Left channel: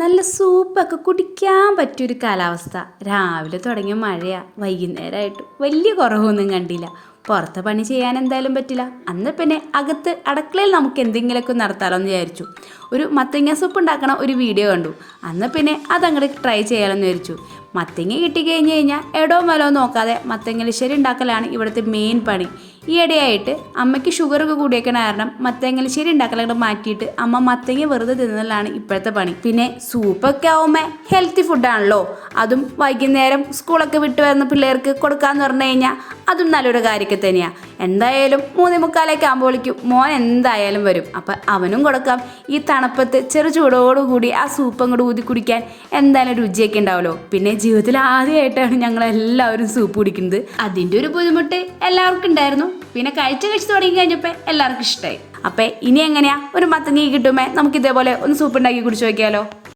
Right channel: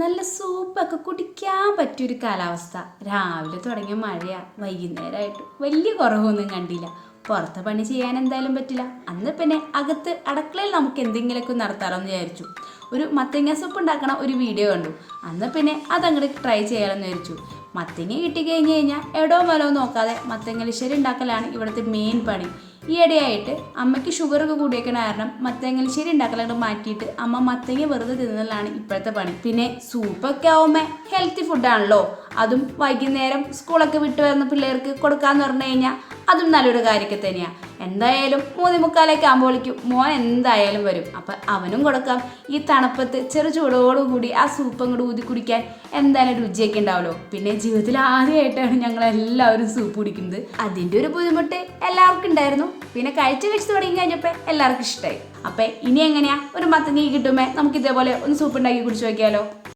നല്ല സൂപ്പൊക്കെ കുടിക്കാൻ പറ്റിയൊരു കാലാവസ്ഥ. രാവിലെ തുടങ്ങിയ മഴയാണ് വൈകുന്നേരമായിട്ട് വലിയ കുറവൊന്നും കണ്ടില്ല. പുറത്തെ പണി ചെയ്യാൻ എന്തായാലും പറ്റില്ല. അന്ന് പിന്നെ അകത്ത് അടക്കളയിൽ നമുക്ക് എന്തെങ്കിലുമൊക്കെ നടത്താമല്ലോ എന്ന് വിചാരിച്ചു. ഒരു മത്തങ്ങ സൂപ്പ് ഉണ്ടാക്കണ ഒരു വീഡിയോ കണ്ടു. അന്ന് പിന്നെ അതങ്ങോട്ട് ട്രൈ ചെയ്യാമെന്ന് വിചാരിച്ചു. മത്തങ്ങ കിട്ടിക്കഴിഞ്ഞ് കഴിഞ്ഞാൽ എടോ മലോ നോക്കാതെ മത്തങ്ങലിശ്ശേരി ഉണ്ടാക്കലാണ് ഇവിടുത്തെ മെയിൻ പണി. ഈയിടെയായിട്ട് അമ്മയ്ക്ക് ഷുഗറൊക്കെ കൂടിയേക്കണ കാരണം മത്തങ്ങലിശ്ശേരി ഉണ്ടാക്കലങ്ങോട്ട് മാറ്റിയിട്ട് അമ്മ മത്തങ്ങ വെറുതെ തിന്നലാണ് ഇപ്പോഴത്തെ പണി. പിന്നെ സൂപ്പൊക്കെ ആവുമ്പോൾ ഹെൽത്തി ഫുഡാണല്ലോ അതും വൈകുന്നേരം സ്കൂളൊക്കെ വിട്ട് വരുന്ന പിള്ളേർക്ക് കൊടുക്കാന്ന് പറഞ്ഞു കഴിഞ്ഞാൽ അതും നല്ലൊരു കാര്യമൊക്കെ തന്നെയാണ് എന്തായാലും മൂന്നി മുക്കാലേക്ക് വിളിക്കും. മോൻ എന്തായാലും വരും. അപ്പം അവനും കൊടുക്കാം. ഈ തണുപ്പത്ത് ചെറു ചൂടോടുകൂടി ആ സൂപ്പ് അങ്ങോട്ട് ഊതി കുടിക്കാൻ എന്തായാലും രുചിയൊക്കെ ഉണ്ടാവുമല്ലോ പിന്നെ ജീവിതത്തിൽ ആദ്യമായിട്ടാണ് ഞങ്ങൾ എല്ലാവരും സൂപ്പ് കുടിക്കുന്നത്. അതിന്റെ ഒരു ബുദ്ധിമുട്ട് എല്ലാവർക്കും ഉണ്ടായിരുന്നു. പിന്നെ കഴിച്ച് കഴിച്ച് തുടങ്ങി കഴിഞ്ഞപ്പോൾ എല്ലാവർക്കും ഇഷ്ടമായി അപ്പം ഇനി എങ്ങനെയാ? ഒരു മത്തങ്ങി കിട്ടുമ്പോൾ നമുക്ക് ഇതേപോലെ ഒന്ന് സൂപ്പ് ഉണ്ടാക്കി കുടിച്ചു നോക്കിയാലോ?